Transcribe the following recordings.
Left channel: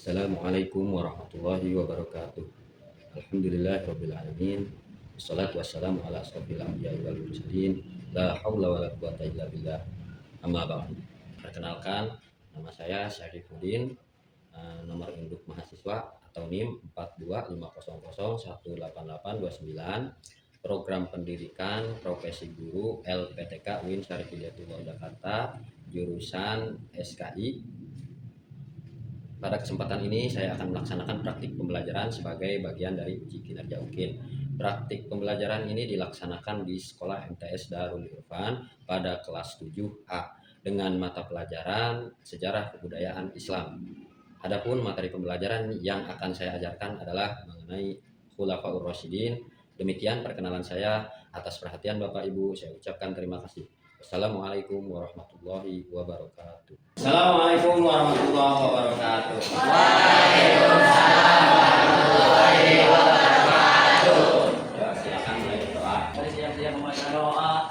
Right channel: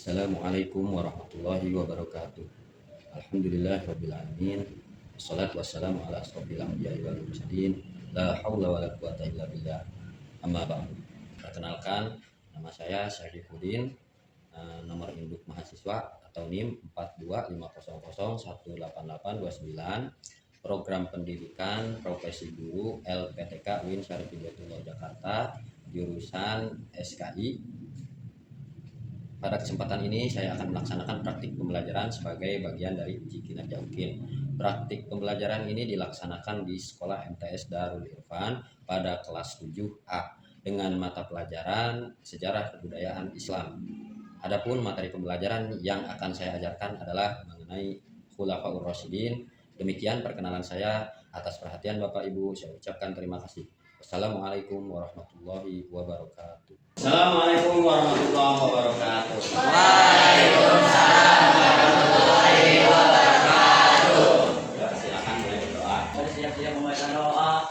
Assalamualaikum warahmatullahi wabarakatuh. Alhamdulillahirabbil alamin. Wassalatu wassalamu ala asrofil anbiya'i wal mursalin. La haula wala quwata illa billah. Amma ba'du. Perkenalkan, nama saya Syarifuddin, nomor induk mahasiswa atau NIM 42500188829, program pendidikan profesi guru LPTK UIN Syarif Hidayatullah Jakarta, jurusan SKI. Pada kesempatan ini saya akan melaksanakan praktik pembelajaran sebagai bagian dari uji kinerja UKIN. Praktik pembelajaran ini dilaksanakan di Sekolah MTS Darul Irfan pada kelas 7A dengan mata pelajaran Sejarah Kebudayaan Islam. Adapun materi pembelajaran yang akan saya ajarkan adalah mengenai Khulafaur Rasyidin. Demikian perkenalan saya. Atas perhatian Bapak Ibu saya ucapkan terima kasih. Assalamualaikum warahmatullahi wabarakatuh. Assalamualaikum warahmatullahi wabarakatuh. Waalaikumsalam warahmatullahi wabarakatuh. Ya, silakan mulai berdoa. Mari siap-siap membaca doa.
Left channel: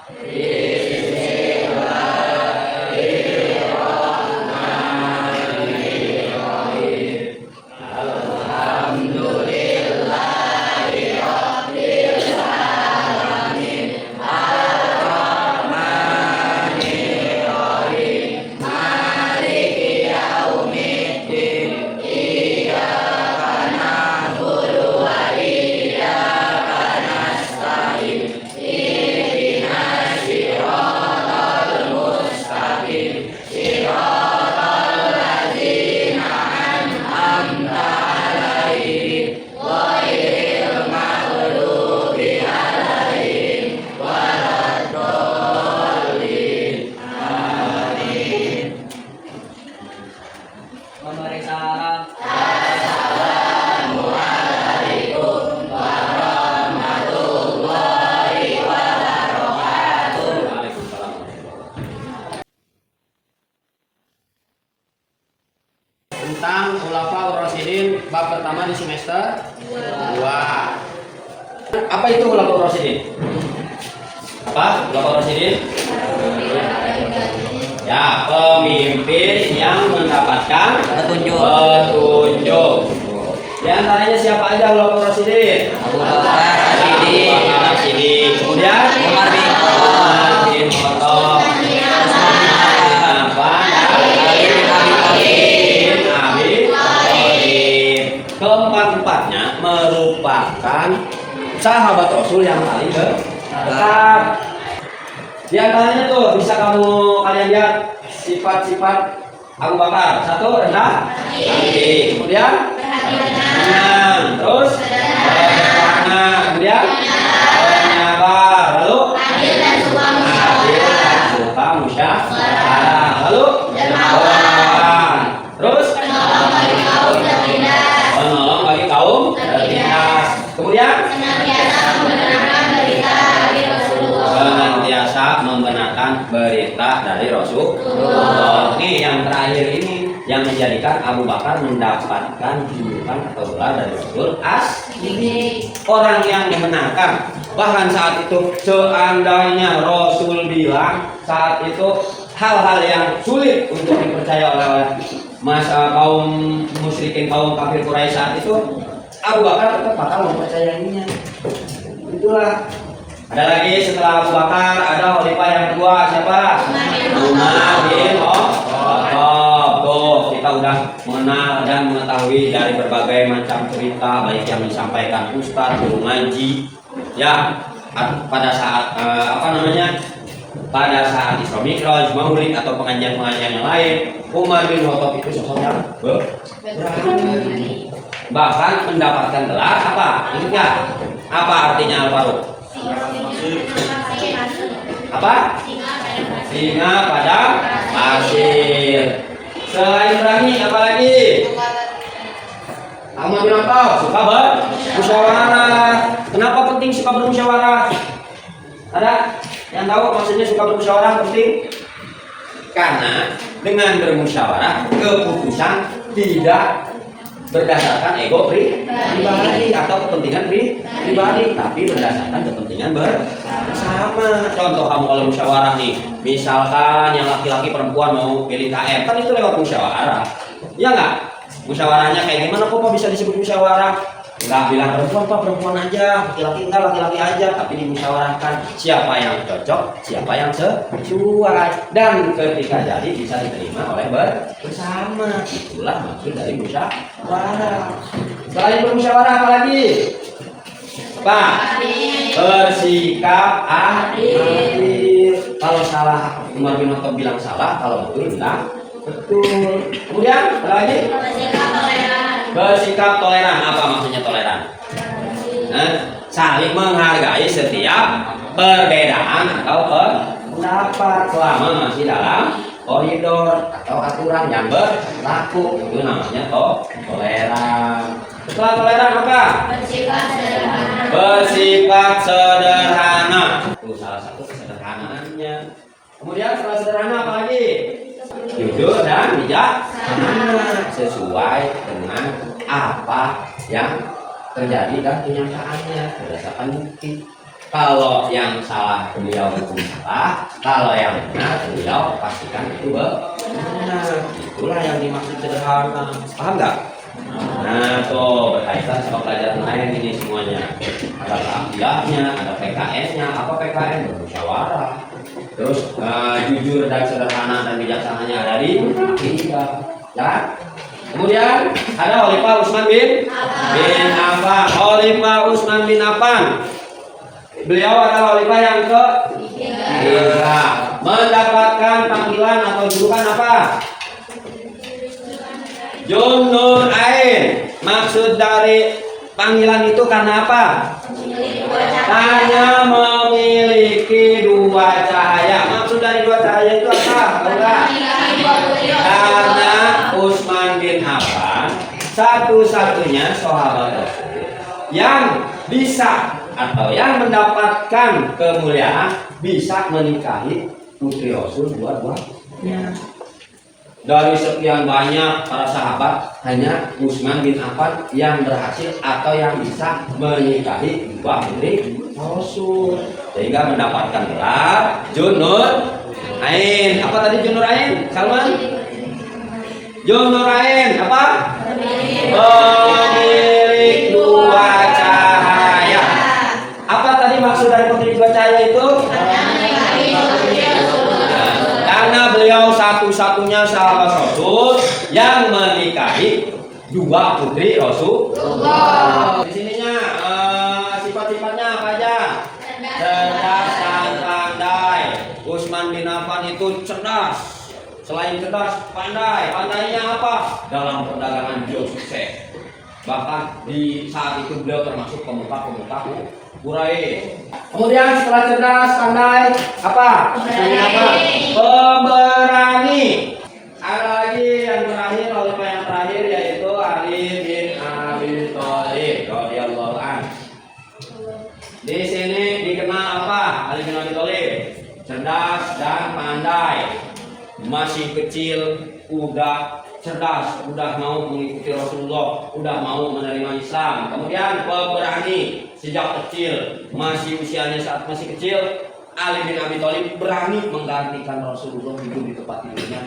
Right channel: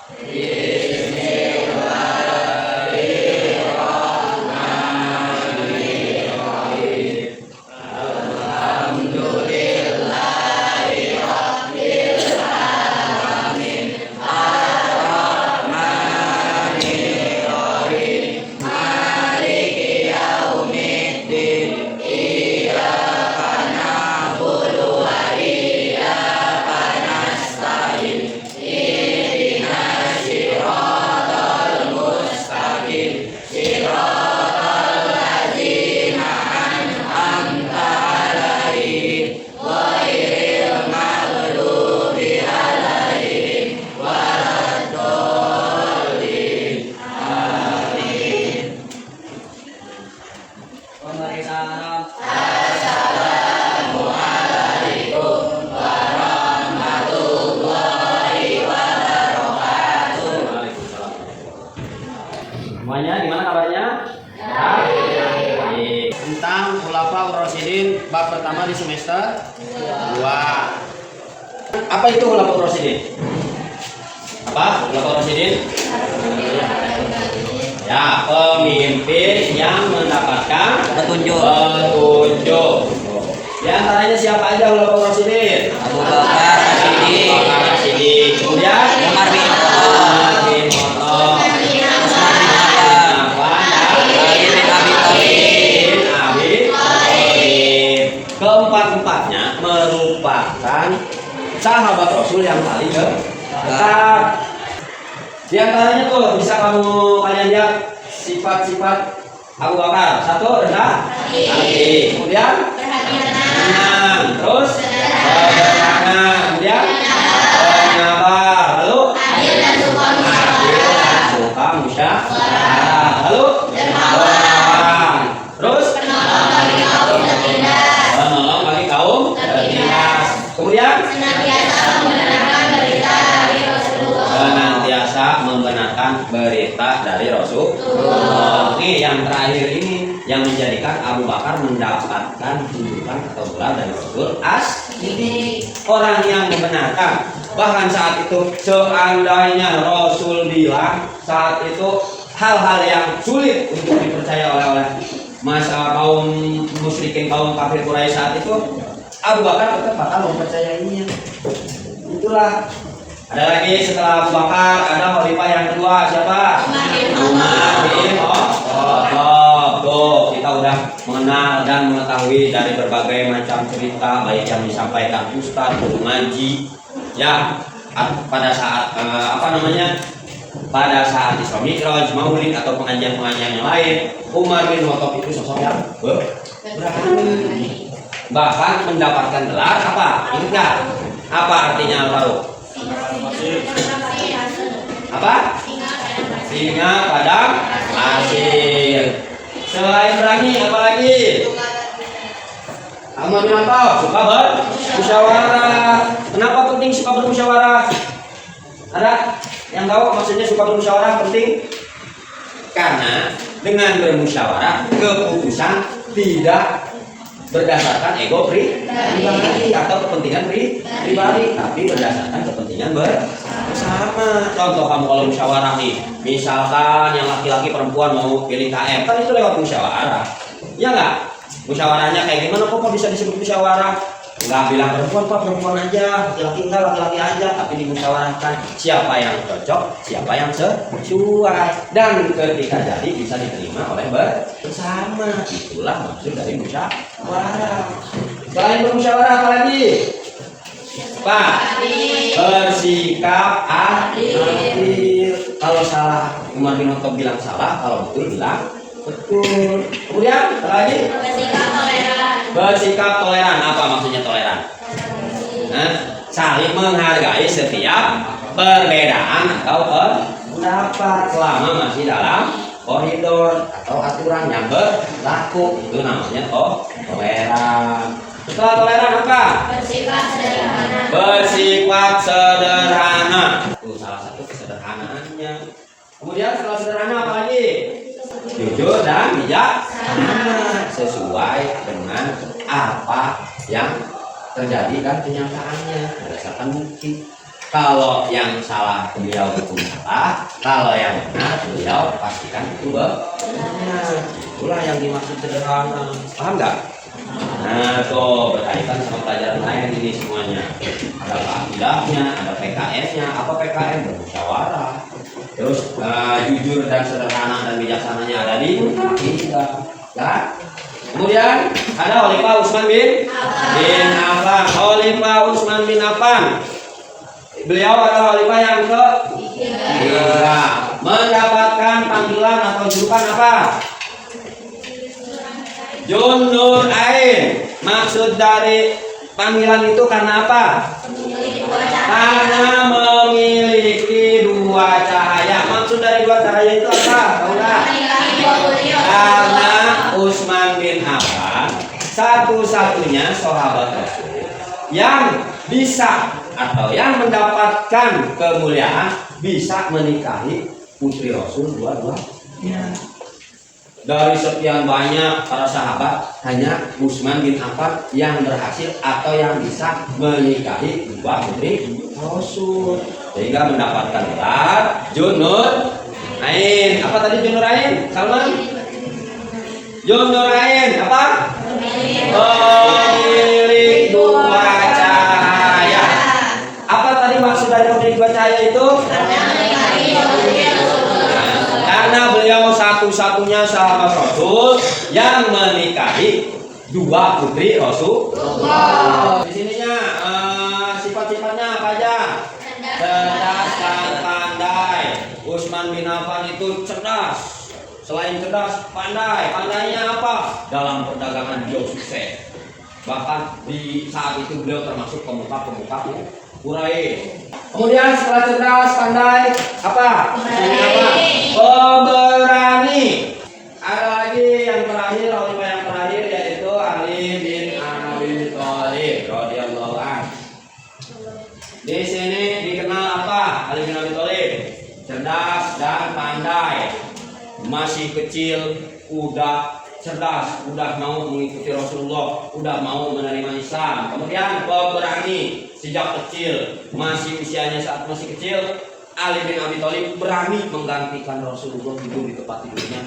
Mari salam. Waalaikumsalam. Semuanya gimana kabarnya? Baik. Tentang Khulafaur Rasyidin bab pertama di semester 2. Apa itu Khulafaur Rasyidin? Apa? Khulafaur Rasyidin? Ya, pemimpin yang mendapatkan Petunjuk. Di antaranya siapa aja Khulafaur Rasyidin? Abu Bakar Abu As-Siddiq, Bakar As-Siddiq. Kemudian Umar bin Khattab, Umar bin Khattab, Utsman bin Affan, Affan, Ali bin Abi Thalib. bin Abi Thalib. Keempat-empatnya merupakan sahabat Rasul yang paling dekat. Di antaranya tuh bisa kalian lihat sifat-sifat Abu Bakar. Satu, rendah hati. Kemudian tenang. Terus sederhana. Kemudian penyabar. Lalu adil dan suka musyawarah. Lalu dermawan. Terus penolong bagi kaum tertindas. Kemudian senantiasa membenarkan berita dari Rasulullah. Ini yang terakhir ini yang menjadikan Abu Bakar mendapatkan julukan atau gelar dari Rasul As-Siddiq, orang yang membenarkan. Bahkan saat itu seandainya Rasul bilang saat itu hal-hal yang sulit untuk dipercaya oleh masa kaum musyrikin, kaum kafir Quraisy saat itu, Abu Bakar tetap bakal mempercayainya. Itulah. Ada lagi setelah Abu Bakar, ada khalifah yang kedua siapa? Umar bin Khattab. Tuh, kita udah mengenal dan mengetahui dari berbagai macam cerita baik yang disampaikan ustaz, guru ngaji, ya pada saat pada saat Isra Mi'raj, Maulid atau pengajian-pengajian yang lain. Umar bin Khattab itu sosok yang berani. Bahkan mendapatkan gelar apa? Ingat nggak? Apa artinya Al-Faruq? Apa? Singa padang pasir. Selain berani apa lagi? Ahmad bin Khattab suka bermusyawarah. Kenapa penting suka bermusyawarah? Ada yang tahu maksudnya suka bermusyawarah penting? Karena dengan bermusyawarah keputusan tidak berdasarkan ego pribadi atau kepentingan pribadi, tapi berdasarkan kepentingan bersama. Contoh kamu kalau musyawarah nih, misalkan yang laki-laki perempuan mau pilih KM, kan itu lewat musyawarah, ya nggak? Musyawarahnya kayak gimana kok bisa disebut musyawarah? Nggak bilang perempuan pak, perempuan aja, laki-laki enggak, laki-laki aja, tapi dimusyawarahkan siapa yang cocok, siapa yang sesuai, dan ketika jadi bisa diterima oleh bersama. Itulah maksud dari musyawarah. Selain bermusyawarah apa lagi? Pak, bersikap adil. Kalau salah Umar bin Khattab bilang salah, kalau betul bilang betul. Kemudian apa lagi? Bersikap toleran. Apa maksudnya toleran? Saling menghargai setiap perbedaan atau pendapat selama masih dalam koridor atau aturan yang berlaku. Itu namanya toleran. Setelah toleran apa? Bersifat sederhana. Itu salah satu kesederhanaannya. Kemudian setelah sederhana apa lagi? Jujur dan bijaksana, sesuai dengan apa yang terjadi dan kenyataannya berdasarkan bukti. Kalau yang salah beliau hukum salah, kalau yang benar beliau pastikan itu benar. Itulah yang dimaksud sederhana. Paham nggak? Nah, tuh berkaitan sama pelajaran lain ini semuanya. Ada akidahnya, ada PKN-nya. Apa PKN? Bermusyawarah. Terus jujur dan sederhana dan bijaksananya ada di akidah. Ya. Kemudian ada Khalifah Utsman bin Affan. Khalifah Utsman bin Affan. Beliau adalah khalifah yang ketiga. Mendapatkan panggilan atau julukan apa? Junur Ain. Maksud dari panggilan itu karena apa? Karena memiliki dua cahaya. Maksud dari dua cahaya itu apa? Tahu nggak? Karena Utsman bin Affan satu-satunya sahabat Rasul yang bisa atau yang mendapatkan kemuliaan bisa menikahi putri Rasul dua-duanya. Dari sekian banyak para sahabat, hanya Utsman bin Affan yang berhasil atau yang bisa menikahi dua putri Rasul, sehingga mendapatkan gelar Junur Ain. Apa tadi Junur Ain? Salman? Junur Ain apa? Pemilik dua cahaya. Apa tadi maksud dari pemilik dua cahaya itu? Karena beliau satu-satunya sahabat Rasul yang menikahi dua putri Rasul. Di sininya sifat-sifatnya apa aja? Cerdas dan pandai. Utsman bin Affan itu cerdas. Selain cerdas, pandai. Pandainya apa? Dalam perdagangan beliau sukses. Bahkan di saat itu beliau termasuk pemuka Quraisy. Kemudian setelah cerdas, pandai, apa? Pemberani. Ada lagi yang terakhir, khalifah yang terakhir yaitu Ali bin Abi Thalib radhiyallahu anhu. Di sini dikenal apa? Ali bin Abi Thalib cerdas dan pandai. Masih kecil udah cerdas, udah mau mengikuti Rasulullah, udah mau menerima Islam. Kemudian pemberani, sejak kecil, masih usianya saat masih kecil, Ali bin Abi Thalib berani menggantikan Rasulullah hidup di tempat tidurnya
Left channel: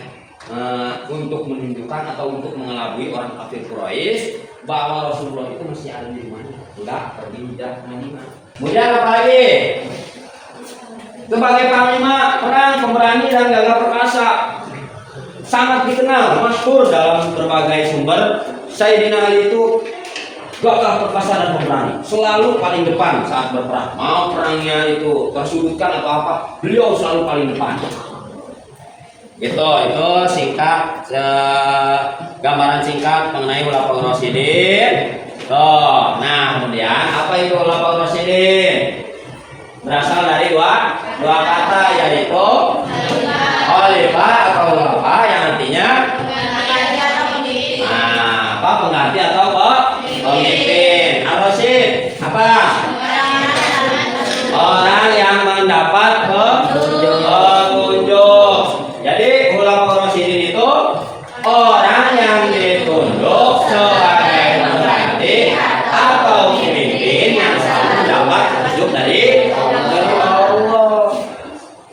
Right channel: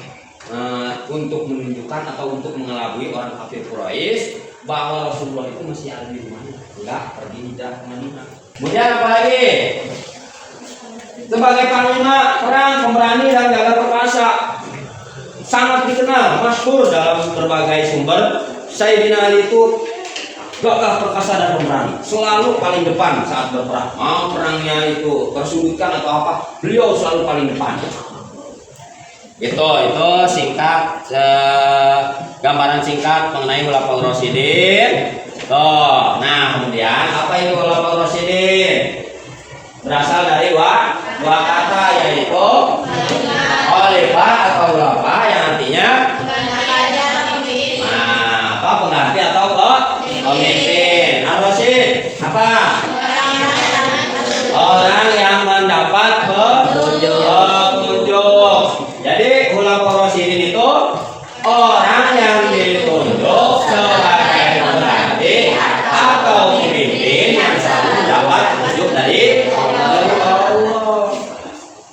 untuk menunjukkan atau untuk mengelabui orang kafir Quraisy bahwa Rasulullah itu masih ada di rumahnya, enggak pergi hijrah ke Madinah. Kemudian apa lagi? Sebagai panglima perang, pemberani dan gagah perkasa, sangat dikenal, masyhur dalam berbagai sumber. Sayyidina Ali itu gagah perkasa dan pemberani, selalu paling depan saat berperang. Mau perangnya itu tersudutkan atau apa, beliau selalu paling depan. Itu singkat, gambaran singkat mengenai Khulafaur Rasyidin. Nah kemudian apa itu Khulafaur Rasyidin? Berasal dari dua kata, yaitu khalifah atau khulafa yang artinya apa? Pengganti atau pemimpin. Ar-Rasyid apa? Orang yang mendapat petunjuk. Jadi Khulafaur Rasyidin itu orang yang ditunjuk sebagai pengganti atau pemimpin yang selalu mendapat petunjuk dari Allah.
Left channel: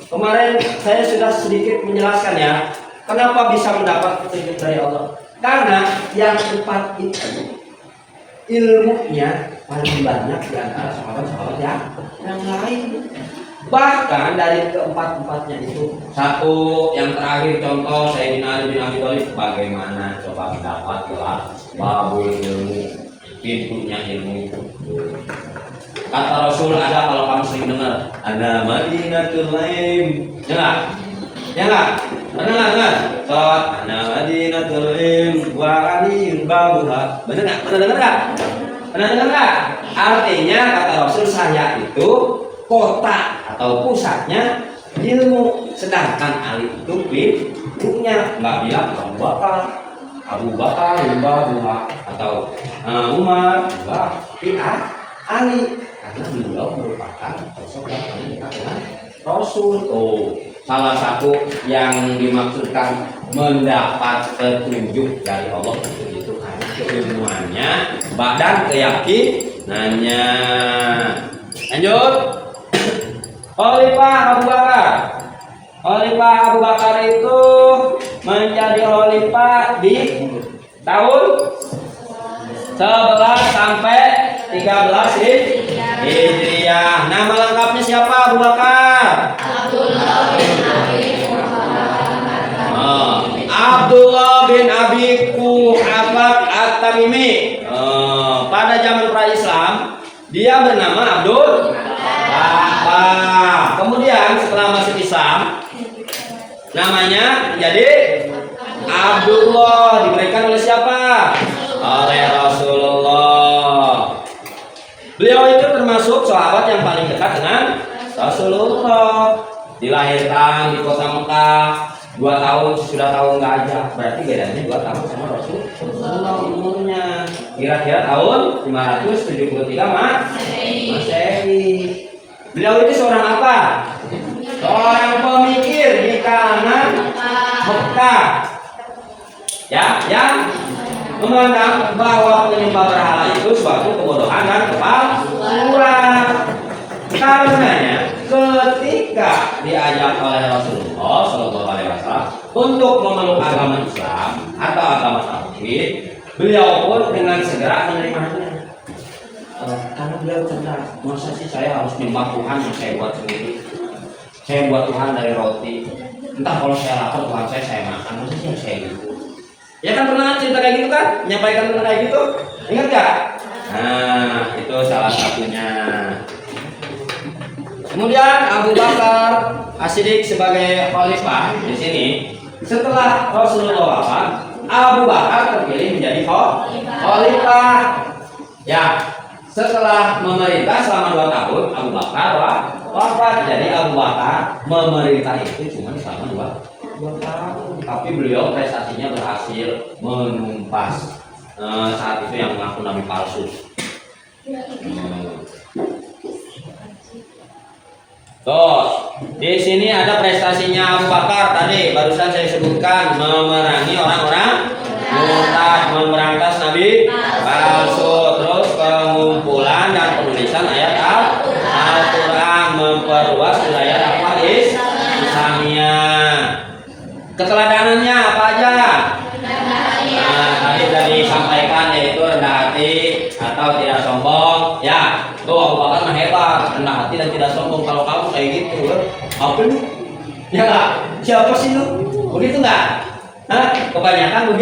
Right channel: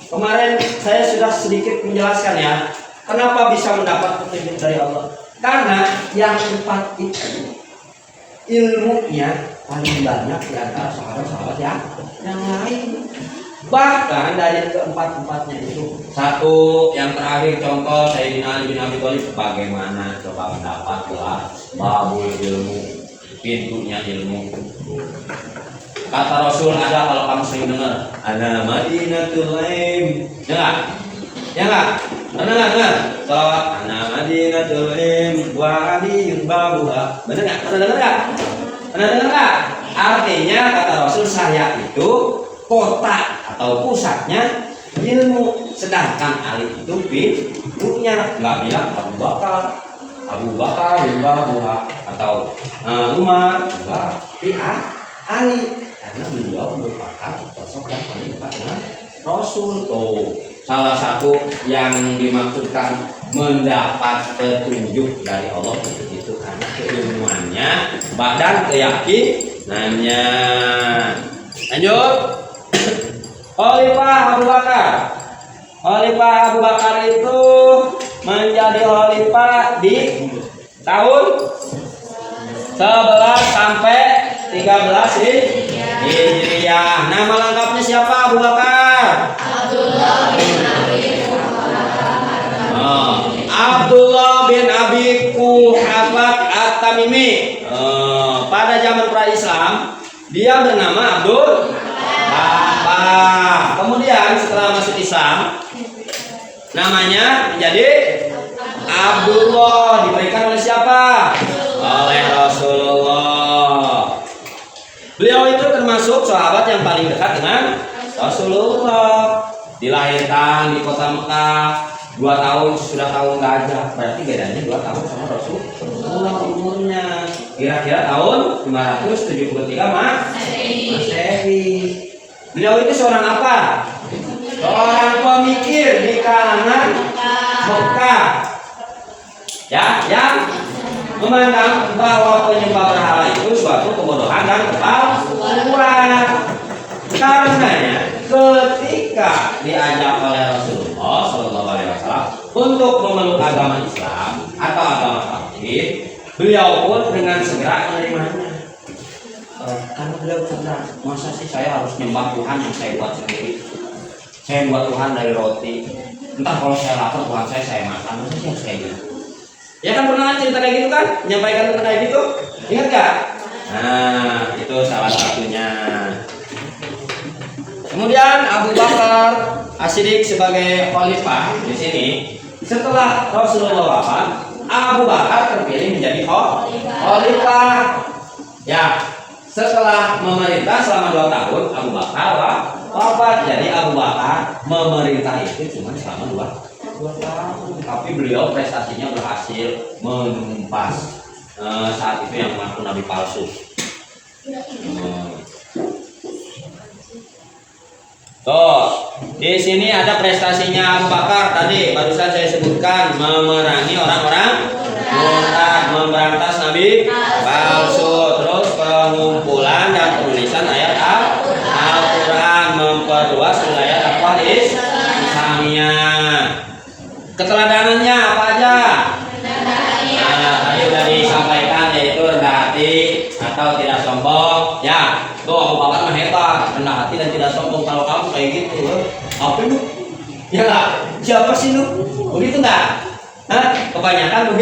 Kemarin saya sudah sedikit menjelaskan ya, kenapa bisa mendapat petunjuk dari Allah. Karena yang empat itu ilmunya paling banyak di antara sahabat-sahabat yang lain. Bahkan dari keempat-empatnya itu, satu yang terakhir contoh Sayyidina Ali bin Abi Thalib, bagaimana coba mendapat gelar babul ilmu, pintunya ilmu. Kata Rasul ada, kalau kamu sering dengar, ana Madinatul Ilm. Ya enggak? Ya enggak? Pernah enggak dengar? Salawat ana Madinatul Ilm wa aliyun babuha. Benar enggak? Pernah dengar enggak? Pernah dengar enggak? Artinya kata Rasul, saya itu kota atau pusatnya ilmu, sedangkan Ali itu pintunya. Enggak bilang Abu Bakar babuha atau Umar, enggak. Ali, karena beliau merupakan sosok yang paling dekat dengan Rasul. Salah satu yang dimaksudkan mendapat petunjuk dari Allah itu karena keilmuannya dan keyakinannya. Lanjut. Khalifah Abu Bakar. Khalifah Abu Bakar itu menjadi khalifah di tahun 11 sampai 13 Hijriah. Nama lengkapnya siapa? Abu Bakar. Abdullah bin Abi Quhafah At-Tamimi. Pada zaman pra-Islam dia bernama Abdul Bapak. Kemudian setelah masuk Islam namanya menjadi Abdullah, diberikan oleh siapa? Oleh Rasulullah. Beliau itu termasuk sahabat yang paling dekat dengan Rasulullah. Dilahirkan di kota Mekah, 2 tahun sudah tahun gajah, berarti bedanya 2 tahun sama Rasulullah umurnya. Kira-kira tahun 573 Masehi. Beliau itu seorang apa? Seorang pemikir di kalangan Mekah. Ya, yang memandang bahwa penyembah berhala itu suatu kebodohan dan kepalsuan. Karenanya ketika diajak oleh Rasulullah SAW untuk memeluk agama Islam atau agama tauhid, beliau pun dengan segera menerimanya. Karena beliau cerdas, masa sih saya harus menyembah Tuhan yang saya buat sendiri? Saya buat Tuhan dari roti. Entah kalau saya lapar Tuhan saya makan, masa sih harus kayak gitu? Ya kan pernah cerita kayak gitu kan? Menyampaikan tentang kayak gitu? Ingat gak? Nah, itu salah satunya. Kemudian Abu Bakar As-Siddiq sebagai khalifah di sini. Setelah Rasulullah wafat, Abu Bakar terpilih menjadi khalifah. Ya, setelah memerintah selama 2 tahun, Abu Bakar wafat. Jadi Abu Bakar memerintah itu cuma selama 2 tahun. Tapi beliau prestasinya berhasil menumpas saat itu yang mengaku nabi palsu. Tuh, di sini ada prestasinya Abu Bakar tadi barusan saya sebutkan, memerangi orang-orang murtad, memberantas nabi palsu, terus pengumpulan dan penulisan ayat Al-Quran, memperluas wilayah dakwah Islamiyah. Keteladanannya apa aja? Nah, tadi sudah disampaikan, yaitu rendah hati atau tidak sombong. Ya, tuh Abu Bakar mah hebat, rendah hati dan tidak sombong. Kalau kamu kayak gitu, apa lu? Ya nggak? Siapa sih lu? Begitu nggak? Hah? Kebanyakan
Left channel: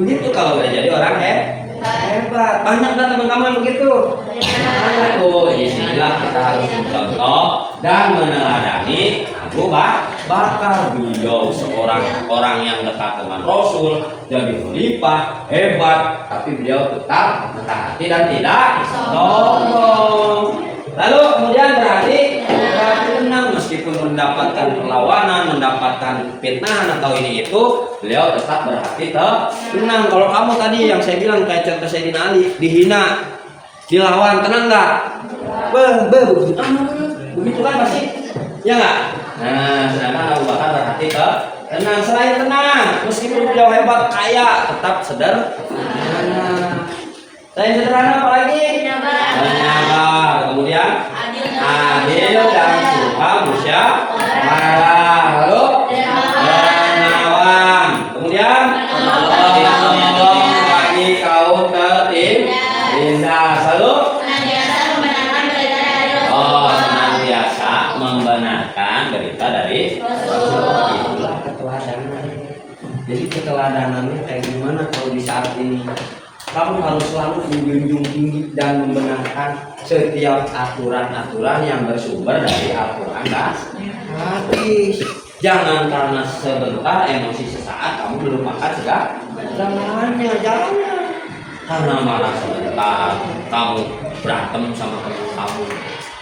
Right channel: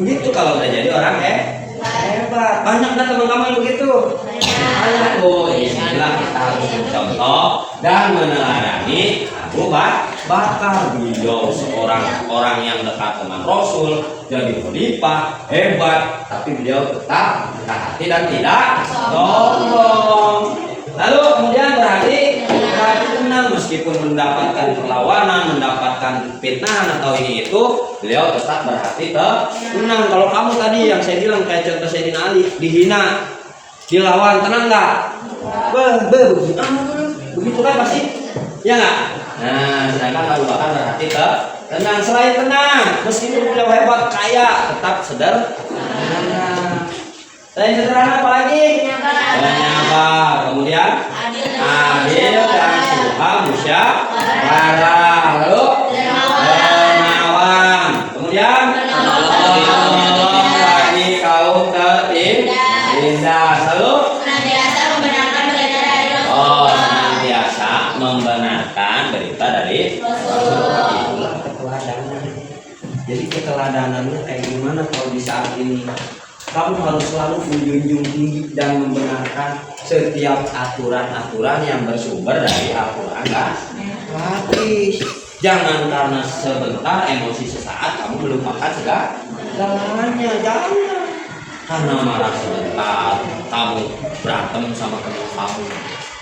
begitu kalau udah jadi orang hebat. Banyak nggak teman-teman begitu? Banyak. Oh, inilah kita harus mencontoh dan meneladani Abu Bakar. Beliau seorang orang yang dekat dengan Rasul, jadi khalifah hebat, tapi beliau tetap rendah hati dan tidak sombong. Lalu kemudian berarti tenang, meskipun mendapatkan perlawanan, mendapatkan fitnahan atau ini itu, beliau tetap berhati tenang. Kalau kamu tadi yang saya bilang kayak contoh Sayyidina Ali, dihina, dilawan, tenang nggak? Begitu kan pasti, ya nggak? Nah, sedangkan Abu Bakar berhati tenang. Selain tenang, meskipun beliau hebat, kaya, tetap sederhana. Selain sederhana apa lagi? Penyabar. Kemudian adil dan suka musyawarah. Lalu dermawan. Kemudian membenarkan berita dari Rasul. Itulah keteladanan. Jadi keteladanannya kayak gimana kalau di saat ini? Kamu harus selalu menjunjung tinggi dan membenarkan setiap aturan-aturan yang bersumber dari Al-Quran dan hadis. Jangan karena sebentar emosi sesaat kamu melupakan segalanya. Jangan. Karena marah sebentar kamu berantem sama teman kamu.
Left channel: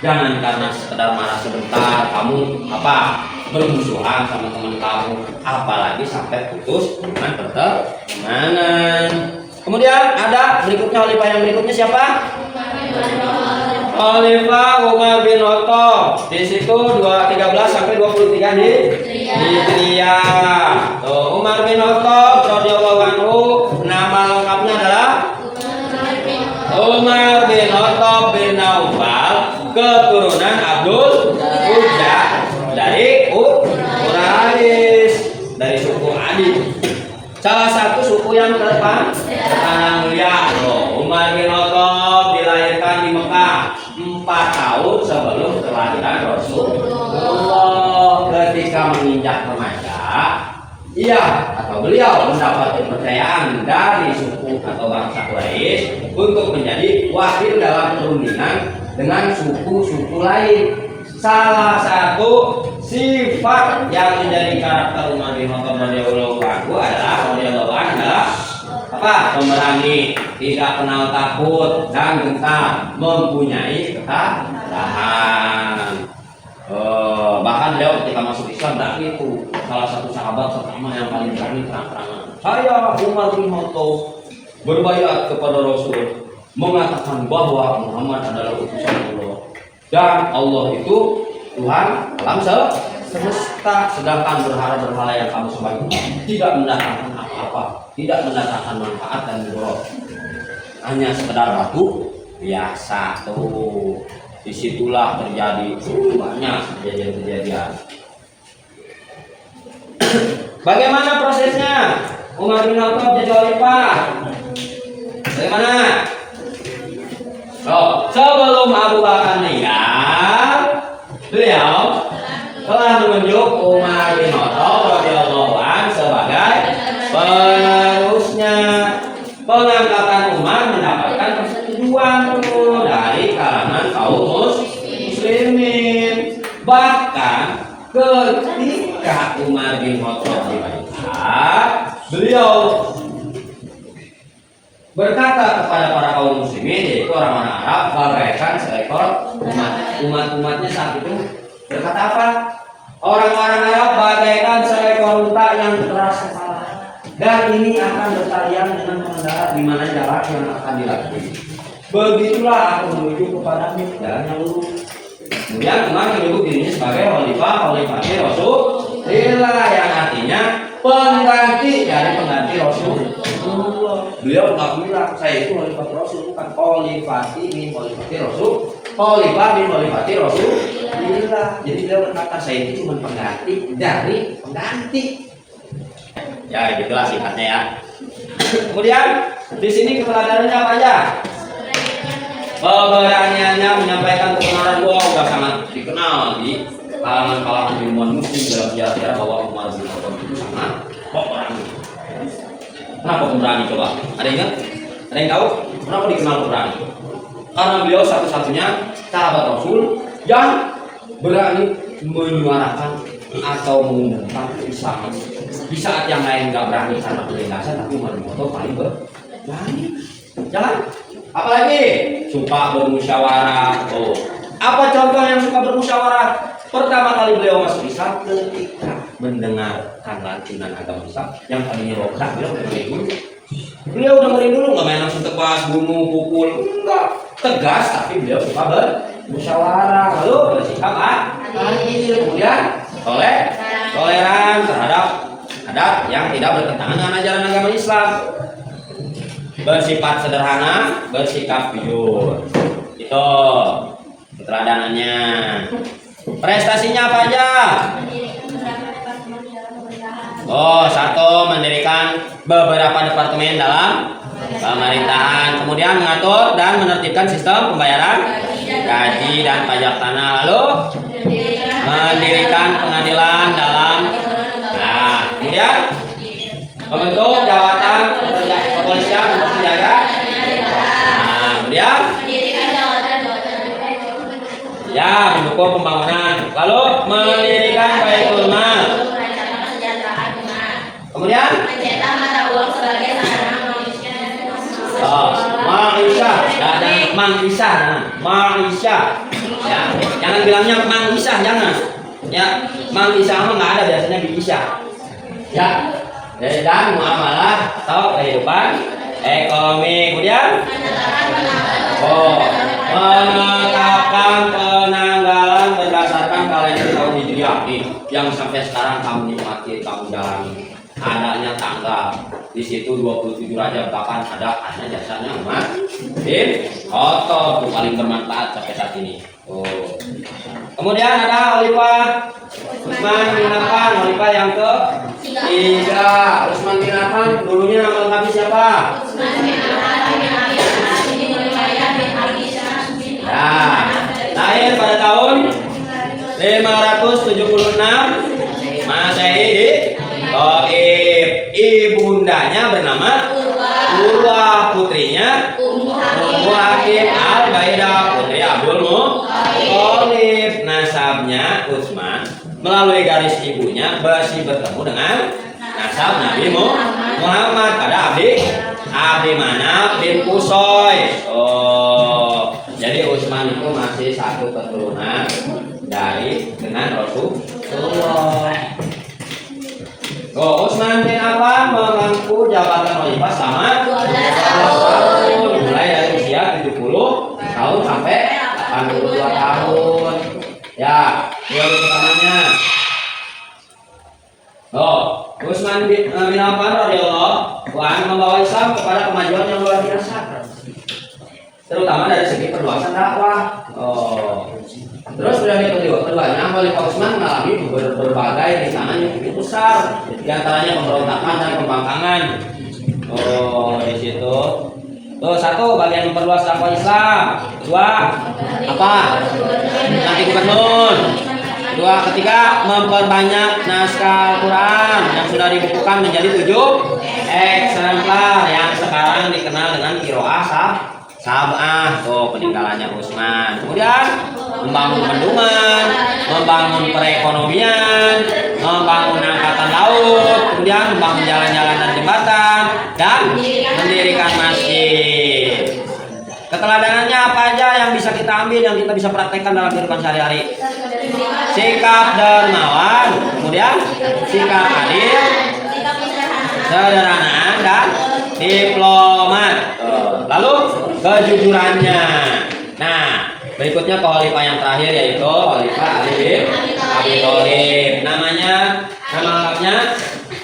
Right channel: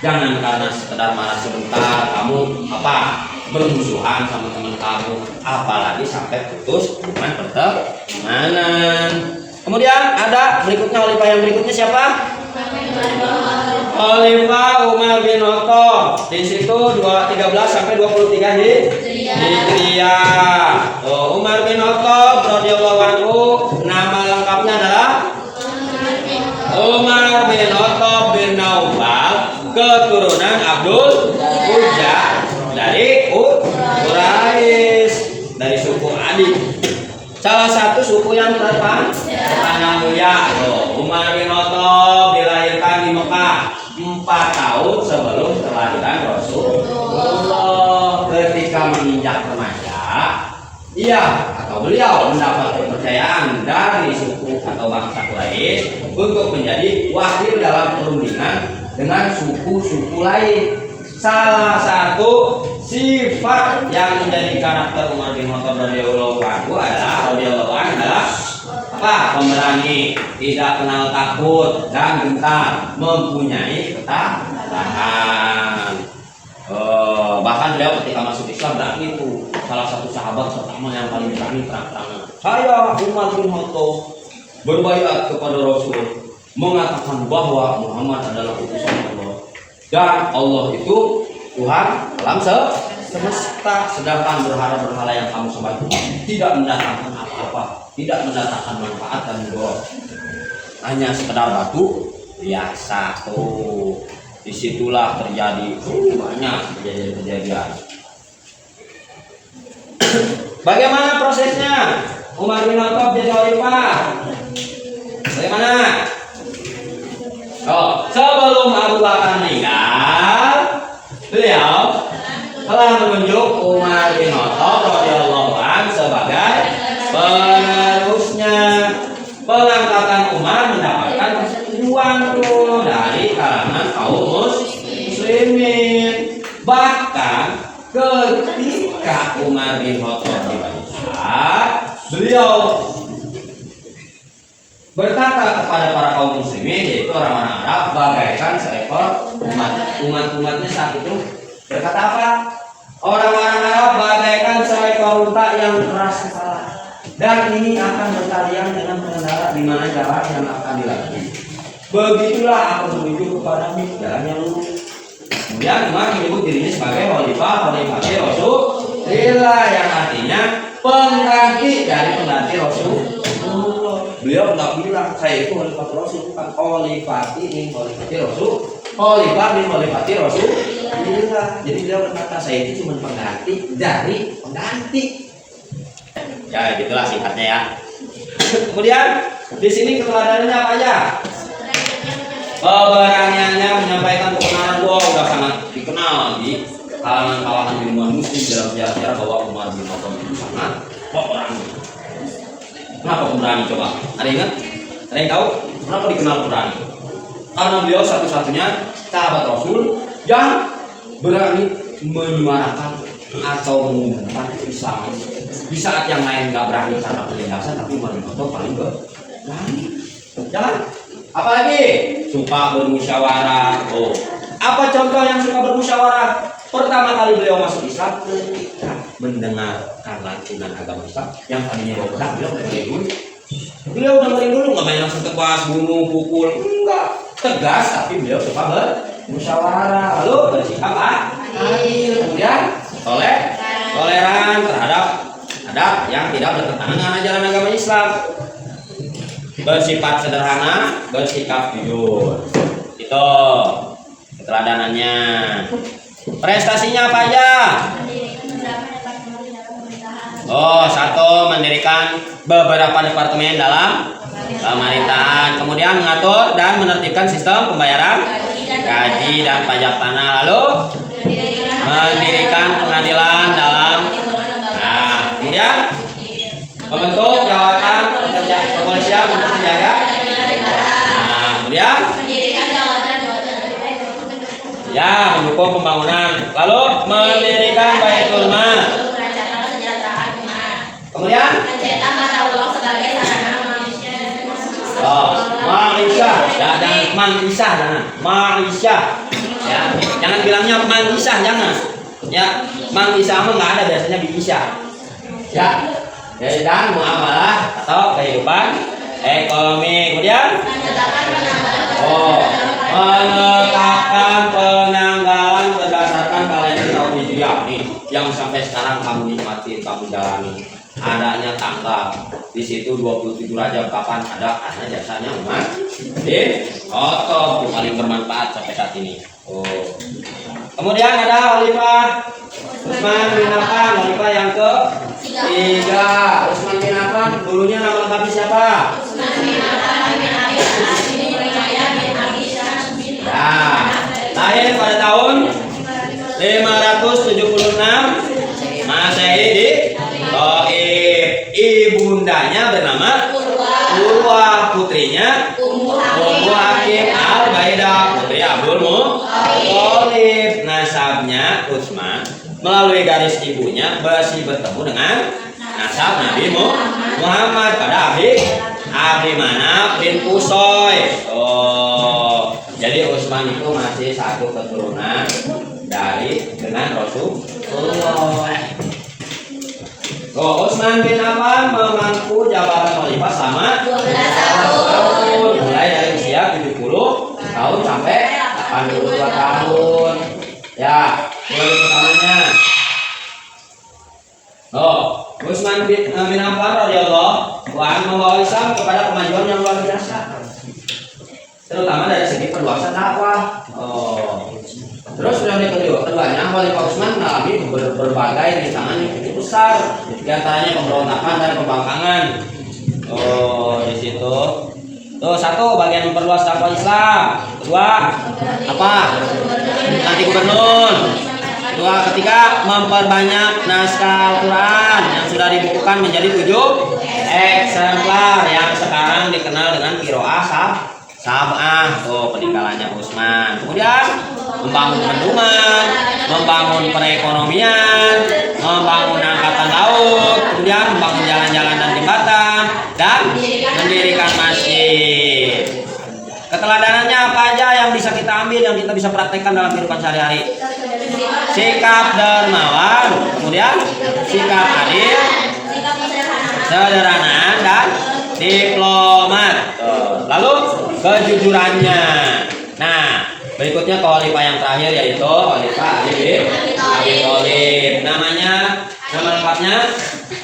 Jangan karena sekedar marah sebentar kamu bermusuhan sama teman kamu, apalagi sampai putus hubungan pertemanan. Kemudian ada berikutnya khalifah yang berikutnya siapa? Khalifah Umar bin Khattab. Di situ 13 sampai 23 Hijriah. Umar bin Khattab radhiyallahu anhu, nama lengkapnya adalah Umar bin Khattab bin Naufal, keturunan Abdul Uzza dari Quraisy, dari suku Adi. Salah satu suku yang terkenal mulia. Umar bin Khattab dilahirkan di Mekah 4 tahun sebelum kelahiran Rasulullah. Ketika menginjak remaja, beliau mendapat kepercayaan dari suku atau bangsa Quraisy untuk menjadi wakil dalam perundingan dengan suku-suku lain. Salah satu sifat yang menjadi karakter Umar bin Khattab radhiyallahu anhu adalah pemberani, tidak kenal takut dan gentar, mempunyai ketabahan. Bahkan beliau ketika masuk Islam itu salah satu sahabat pertama yang paling berani terang-terangan. Saya Umar bin Khattab berbaiat kepada Rasul, mengatakan bahwa Muhammad adalah utusan Allah dan Allah itu Tuhan alam semesta, sedangkan berhala-berhala yang kamu sembah tidak mendatangkan apa-apa, tidak mendatangkan manfaat dan mudarat, hanya sekedar batu biasa. Tuh disitulah terjadi banyak kejadian-kejadian. Bagaimana prosesnya Umar bin Khattab jadi khalifah? Bagaimana? Sebelum Abu Bakar meninggal, beliau telah menunjuk Umar bin Khattab radhiyallahu anhu sebagai penerusnya. Pengangkatan Umar mendapatkan persetujuan dari kalangan kaum muslimin. Bahkan ketika Umar bin Khattab dibaiat, beliau berkata kepada para kaum muslimin, yaitu orang-orang Arab, bagaikan seekor umat-umatnya saat itu berkata apa? Orang-orang Arab bagaikan seekor unta yang keras kepala, dan ini akan bertalian dengan pengendara di mana jalan yang akan dilalui. Begitulah aku menuju kepada jalan yang lurus. Kemudian Umar menyebut dirinya sebagai khalifah Rasulullah, yang artinya pengganti dari pengganti Rasulullah. Beliau pernah bilang, saya itu khalifah Rasul, bukan khalifati min khalifati Rasul, khalifah min khalifati Rasulullah. Jadi beliau berkata, saya itu cuma pengganti dari pengganti. Ya gitulah sifatnya ya. Kemudian di sini keteladanannya apa aja? Keberaniannya menyampaikan kebenaran. Udah sangat dikenal di kalangan ilmuwan muslim dalam sejarah-sejarah bahwa Umar bin Khattab itu sangat pemberani. Kenapa pemberani coba? Ada yang ingat? Ada yang tahu? Kenapa dikenal pemberani? Karena beliau satu-satunya sahabat Rasul yang berani menyuarakan atau mengumumkan Islam. Di saat yang lain nggak berani karena penindasan, tapi Umar bin Khattab paling berani. Jangan. Apalagi suka bermusyawarah. Apa contoh yang suka bermusyawarah? Pertama kali beliau masuk Islam ketika mendengarkan lantunan agama Islam yang tadinya bawa pedang, beliau dengerin dulu. Beliau dengerin dulu, nggak main langsung tebas, bunuh, pukul, enggak. Tegas, tapi beliau suka bermusyawarah. Lalu bersikap adil, kemudian toleran terhadap adat yang tidak bertentangan dengan ajaran agama Islam. Bersifat sederhana, bersikap jujur. Itu keteladanannya. Prestasinya apa aja? Satu, mendirikan beberapa departemen dalam pemerintahan, kemudian mengatur dan menertibkan sistem pembayaran gaji dan pajak tanah. Lalu mendirikan pengadilan dalam. Nah, kemudian membentuk jabatan kepolisian untuk menjaga. Nah, kemudian ya mendukung pembangunan. Lalu mendirikan baitul mal. Kemudian Ma'isah, jangan Ma'isah, Ma'isah. Ya, jangan bilangnya Ma'isah, jangan. Ya, Ma'isah mah nggak ada, biasanya Bi'isah. Ya, dan muamalah atau kehidupan ekonomi. Kemudian menetapkan penanggalan berdasarkan kalender tahun Hijriah nih, yang sampai sekarang kamu nikmati, kamu jalani. Adanya tanggal di situ 27 Rajab, kapan ada jasanya umat bin Khattab, itu paling bermanfaat sampai saat ini. Oh. Kemudian ada Khalifah Utsman bin Affan, Khalifah yang ke-3. Utsman bin Affan dulunya nama lengkapnya siapa? Nah, lahir pada tahun 576 Masehi di Taif. Ibundanya bernama Urwah, putrinya Ummu Hakim Al-Baidah, putri Abdul Muthalib. Nasabnya Utsman melalui garis ibunya masih bertemu dengan nasab Nabi Muhammad pada Abdi Manaf bin Qusay. Oh, jadi Utsman itu masih satu keturunan dengan Rasulullah. Utsman bin Affan memangku jabatan khalifah sama 12 tahun, mulai dari usia 70 tahun sampai 82 tahun. Ya, periode pertamanya. Utsman bin Affan radhiyallahu anhu membawa Islam kepada kemajuan yang luar biasa, terutama dari segi perluasan dakwah. Terus periode keduanya Khalifah Utsman mengalami berbagai rintangan yang cukup besar, diantaranya pemberontakan dan pembangkangan. Di situ. Tuh, satu, bagian memperluas dakwah Islam. Kedua, apa? Nanti gubernur. Kedua, ketiga, memperbanyak naskah Al-Quran yang sudah dibukukan menjadi 7 eksemplar yang sekarang dikenal dengan Qiraah Sab'ah. Tuh, peninggalannya Utsman. Kemudian membangun bendungan, membangun perekonomian, membangun angkatan laut, kemudian membangun jalan-jalan dan jembatan, dan mendirikan masjid. Keteladanannya apa aja yang bisa kita ambil, yang kita bisa praktekkan dalam kehidupan sehari-hari? Sikap dermawan, kemudian sikap adil, sederhanaan, dan diplomat. Lalu kejujurannya. Nah, berikutnya khalifah yang terakhir yaitu Khalifah Ali bin Abi Thalib. Nama lengkapnya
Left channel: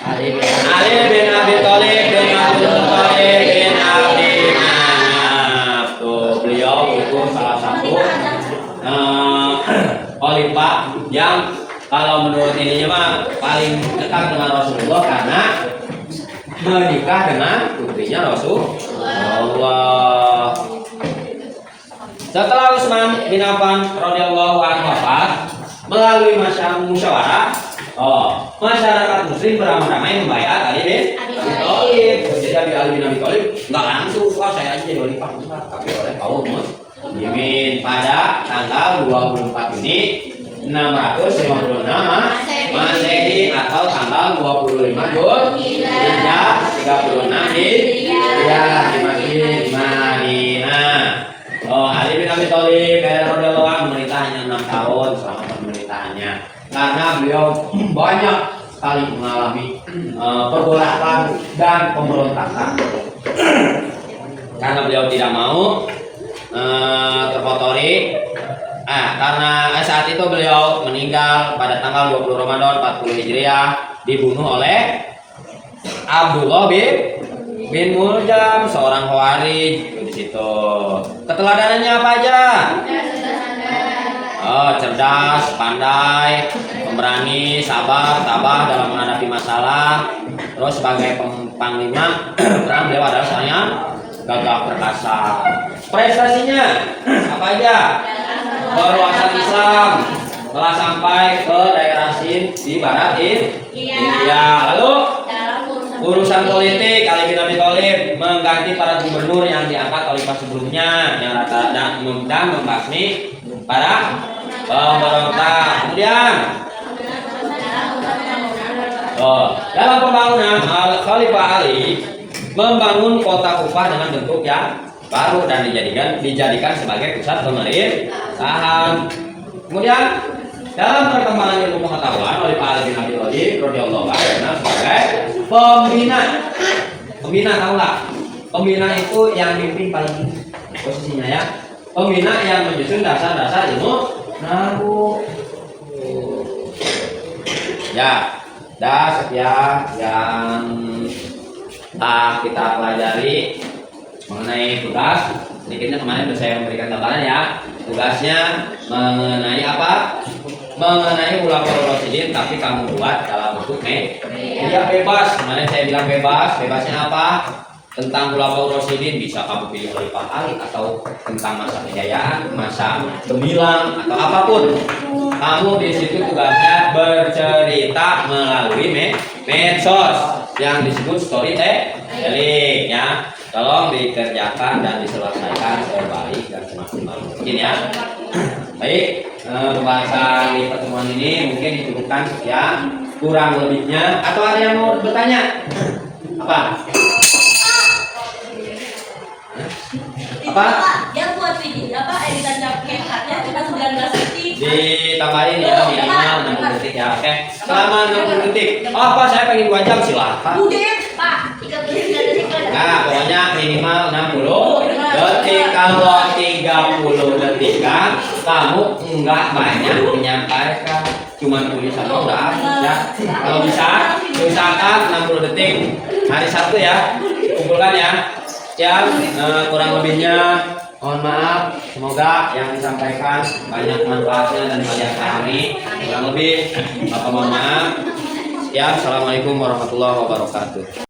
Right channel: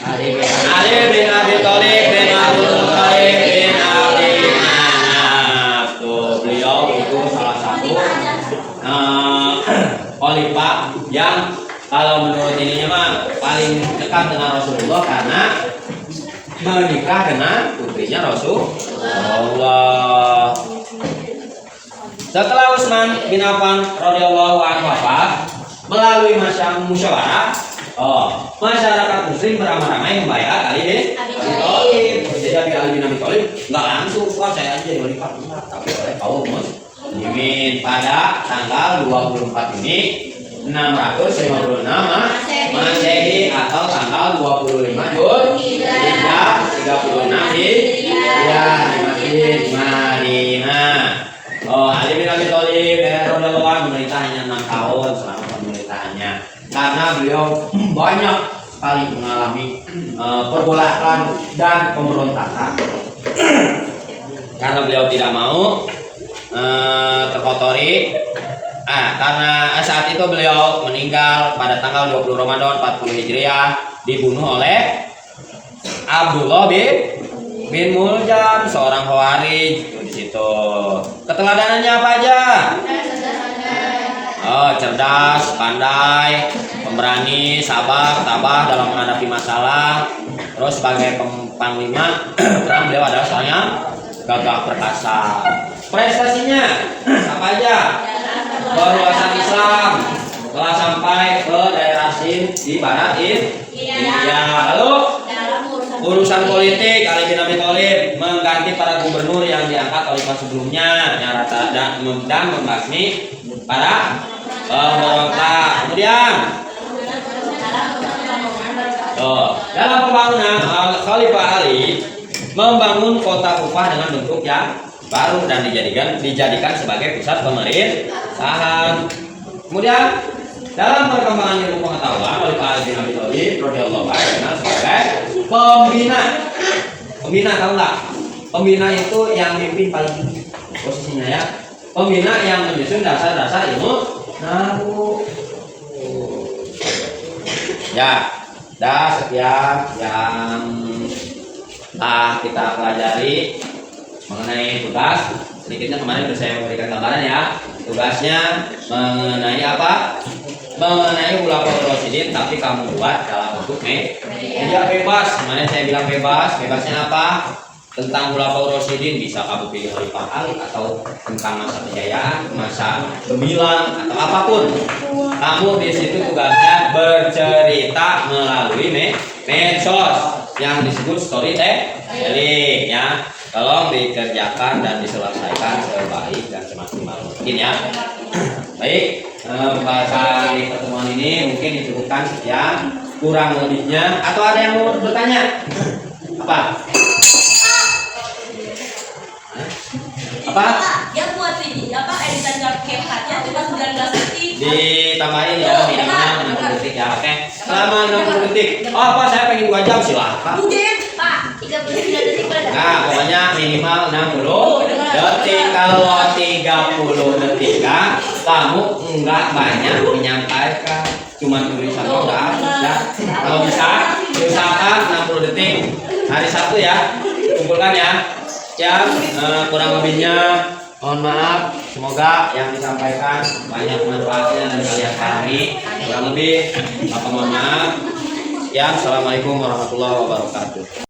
Ali bin Abi Thalib bin Abdul Muthalib bin Abdi Manaf. Tuh, beliau itu salah satu khalifah yang kalau menurut ininya mah paling dekat dengan Rasulullah karena menikah dengan putrinya Rasulullah. Setelah Utsman bin Affan radhiyallahu anhu wafat, melalui musyawarah, masyarakat muslim beramai-ramai membayar Ali bin Abi Thalib. Jadi Ali bin Abi Thalib nggak langsung, saya aja jadi khalifah, tapi oleh kaum muslimin pada tanggal 24 Juni 656 Masehi atau tanggal 25 Zulhijjah 36 Hijriah di Madinah. Ali bin Abi Thalib radhiyallahu anhu memerintah hanya 6 tahun selama pemerintahannya, karena beliau banyak sekali mengalami pergolakan dan pemberontakan. Karena beliau tidak mau terkotori. Karena saat itu beliau meninggal pada tanggal 20 Ramadan 40 Hijriah, dibunuh oleh Abdullah bin Muljam, seorang Khawarij di situ. Keteladanannya apa aja? Cerdas, pandai, pemberani, sabar, tabah dalam menghadapi masalah. Terus sebagai panglima, beliau adalah seorang yang gagah perkasa. Prestasinya apa aja? Perluasan Islam, Setelah sampai ke daerah Sin di barat India. Lalu urusan politik, Ali bin Abi Thalib mengganti para gubernur yang diangkat oleh pas sebelumnya yang rata dan membasmi para pemberontak. Kemudian dalam pembangunan Khalifah Ali membangun kota Kufah dengan bentuk yang baru dan dijadikan sebagai pusat pemerintahan. Kemudian dalam perkembangan ilmu pengetahuan oleh Ali bin Abi Thalib radhiyallahu anhu sebagai pembina. Pembina tahu nggak? Pembina itu yang mimpin paling tinggi posisinya ya. Pembina yang menyusun dasar-dasar ilmu nahu. Ya, sekian yang kita pelajari mengenai tugas. Sedikitnya kemarin sudah saya memberikan gambaran ya. Tugasnya mengenai apa? Mengenai Khulafaur Rasyidin, tapi kamu buat dalam bentuk media bebas. Kemarin saya bilang bebas. Bebasnya apa? Tentang Khulafaur Rasyidin bisa kamu pilih Khalifah Ali atau tentang masa kejayaan, masa gemilang atau apapun. Kamu di situ tugasnya bercerita melalui medsos yang disebut storytelling ya. Tolong dikerjakan dan diselesaikan sebaik dan semaksimal mungkin ya. Baik, pembahasan di pertemuan ini mungkin dicukupkan sekian, kurang lebihnya atau ada yang mau bertanya? Apa? Apa? Yang buat ini apa editan kehatnya cuma 19 detik. Ditambahin ya minimal 60 detik ya. Oke. Selama 60 detik. Oh, Pak, saya pengen 2 jam silahkan. Mungkin Pak 33 detik. Nah, pokoknya minimal 60 detik. Kalau 30 detik kan kamu enggak banyak menyampaikan, cuma tulisan doang udah habis ya. Kalau bisa usahakan 60 detik hari Sabtu ya. Kumpulkan ya. Yang kurang lebihnya mohon maaf. Semoga yang disampaikan banyak manfaatnya dan kalian pahami. Kurang lebih maka mohon maaf. Ya, assalamualaikum warahmatullahi wabarakatuh.